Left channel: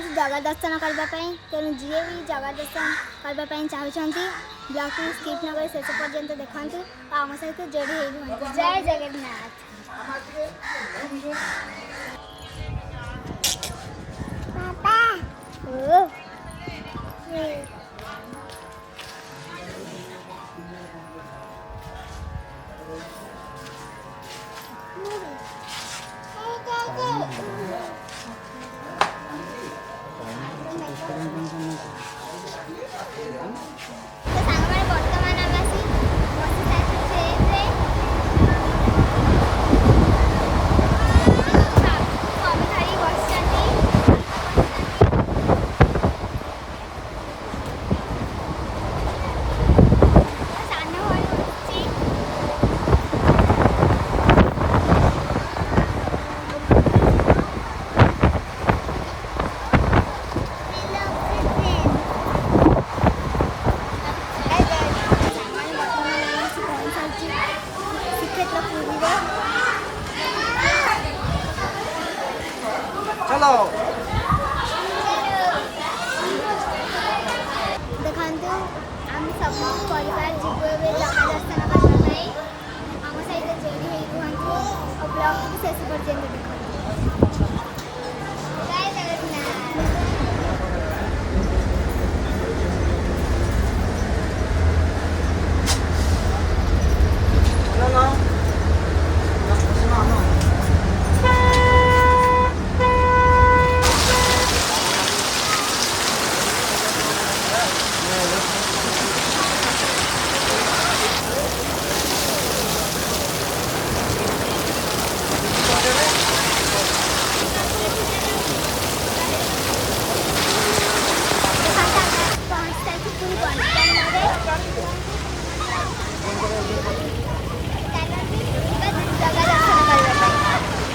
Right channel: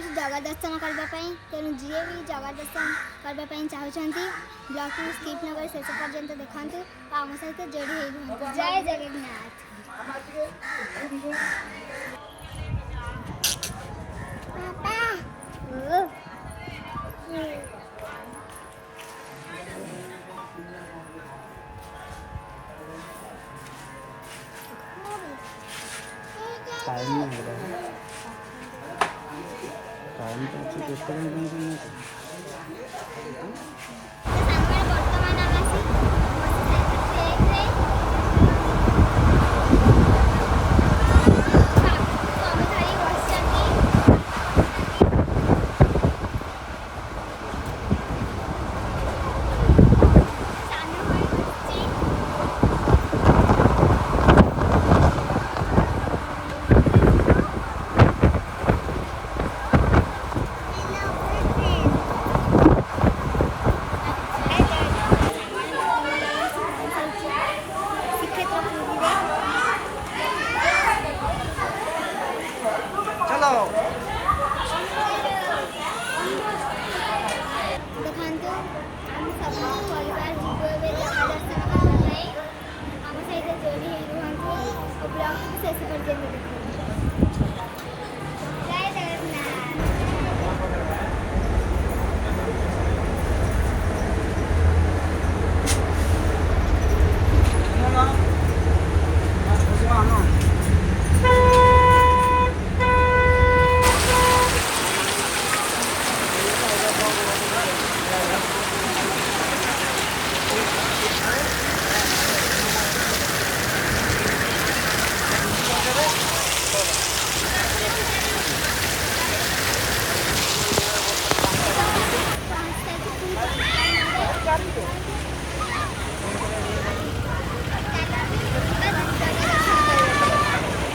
जाऊँ जगह दर्शन करने तेणु जी भी जगह दर्शन करने चाहते ब्लॉग को स्किप न कर शेष पर्यंत देखते आम सहित जोड़ी जय जगन्नाथ। चलो देखो आम सब परिवार जीव जगह दर्शन करने आम सहित जोड़ी रुहतु और ब्लॉग को शेष पर्यंत देखो। जय जगन्नाथ।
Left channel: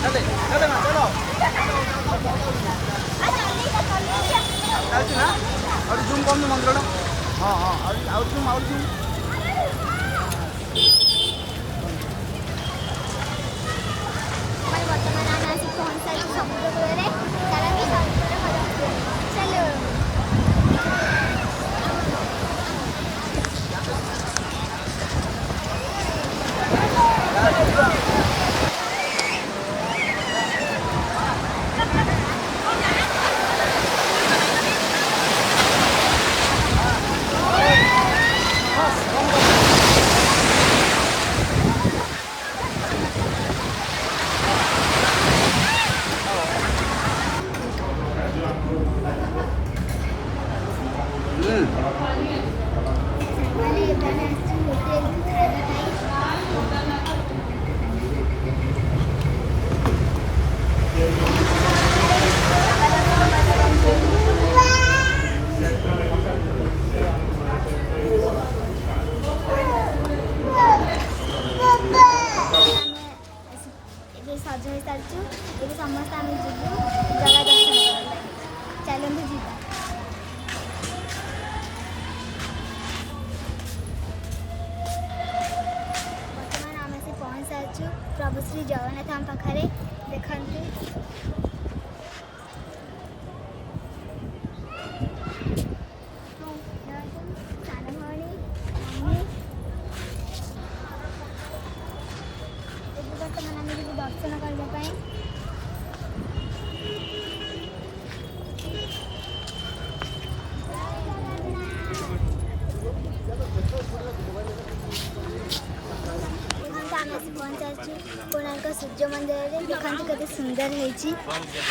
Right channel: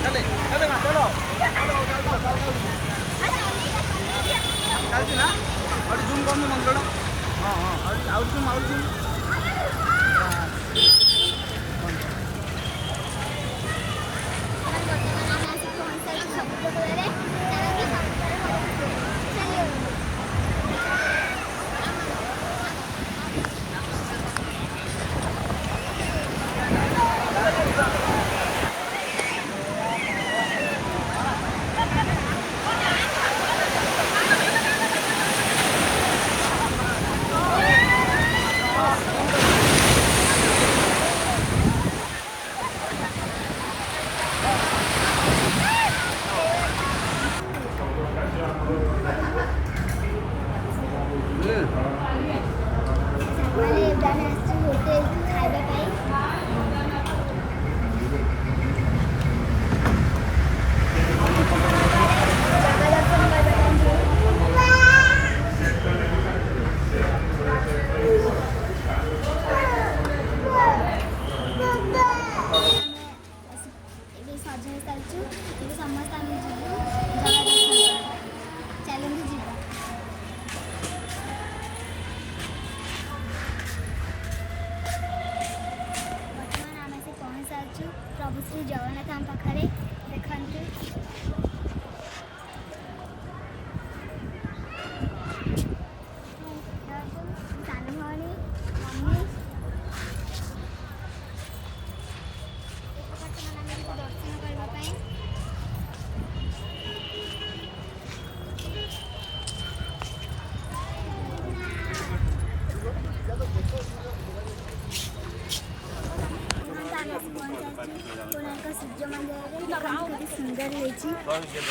चले चले मां चलो चलती ना और जूम कर मंदिर हाँ हाँ और जूम सज हो सारी ये समस्त आम जीवु जगह दर्शन चलते जीवा। बर्तमान आम आसी पहुँच सारी प्रभु श्री जगन्नाथ आम पाखे देखते दर्शन करने कोणार्क सूर्य मंदिर में देखते केते सुंदर है। मंदिर पाखे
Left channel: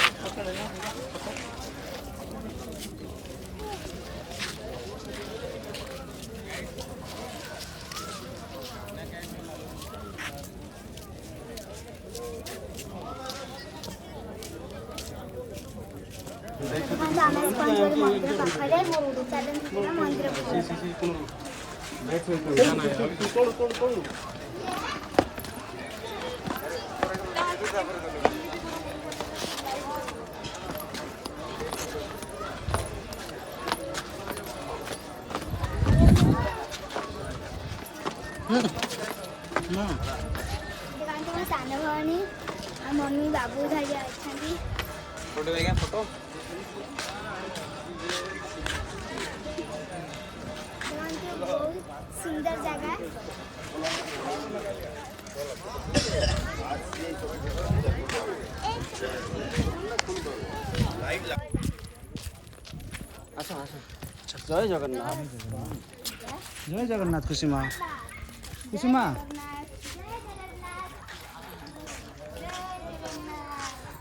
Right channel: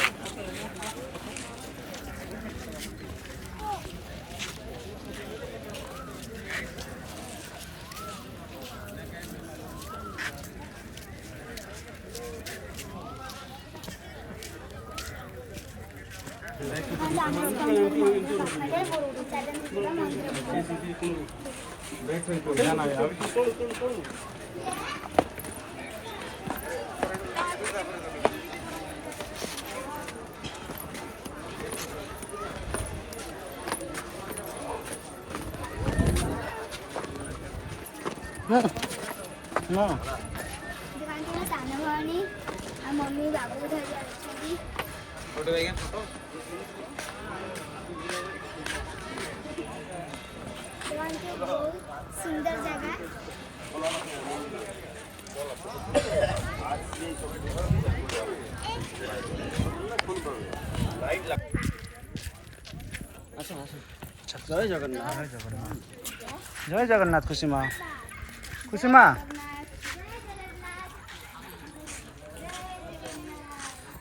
चलते मंदिर सानो भाई मम्मी बाबू धरी अच्छा फोटो आज्ञा फोटो देखते बहुत सुंदर जगह आसो आसो जय जगन्नाथ जय जगन्नाथ खुशी माँ खुशी माँ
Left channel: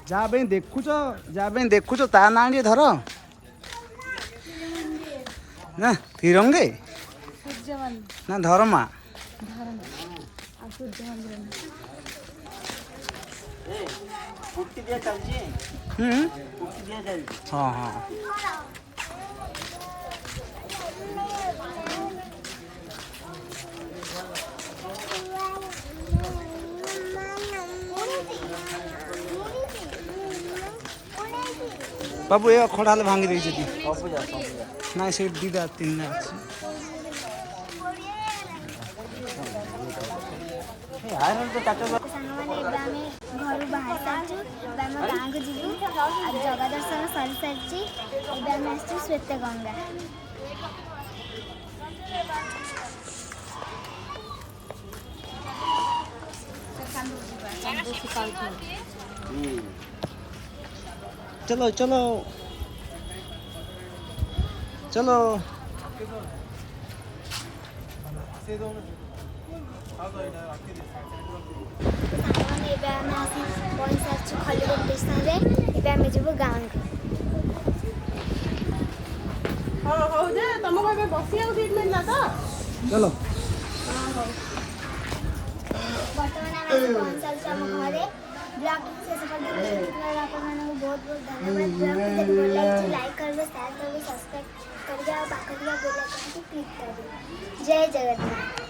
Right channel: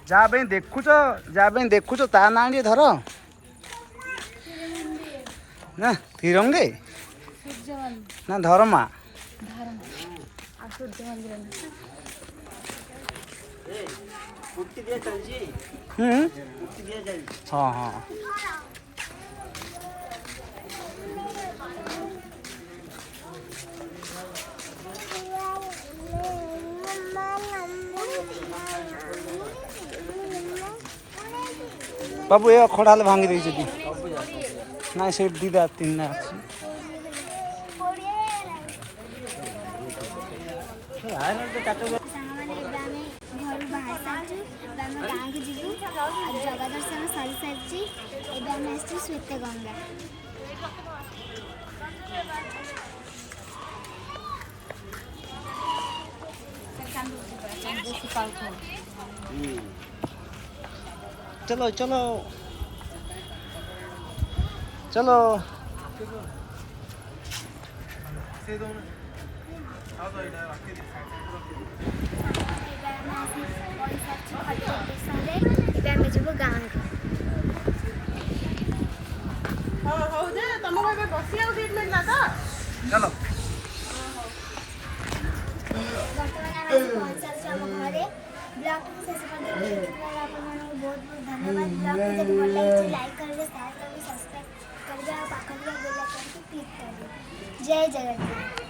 जहाँ पे देखुच ता ना टे धर ना तिरंगे ना धर्मा हाँ हाँ बाबू ये खड़ा भांगी देती ना से दीदा तीन ना अच्छी सांगमाने घर बाहर सारी आम गाँव को जीवु जगह दर्शन सरी सारी आम आस श्वेत गंगा चलो चलो चलो खलिकोट स्टेशन आम जीव गाँव चलो बर्तमान आम सारी घरे ब्लॉग शेष पर्यटन बहुत बहुत धन्यवाद ब्लॉग जब भल लगे लाइक करेंगे शेयर करेंगे सब्सक्राइब करेंगे और पाखरिया बेल आइकन को क्लिक करेंगे जय जगन्नाथ।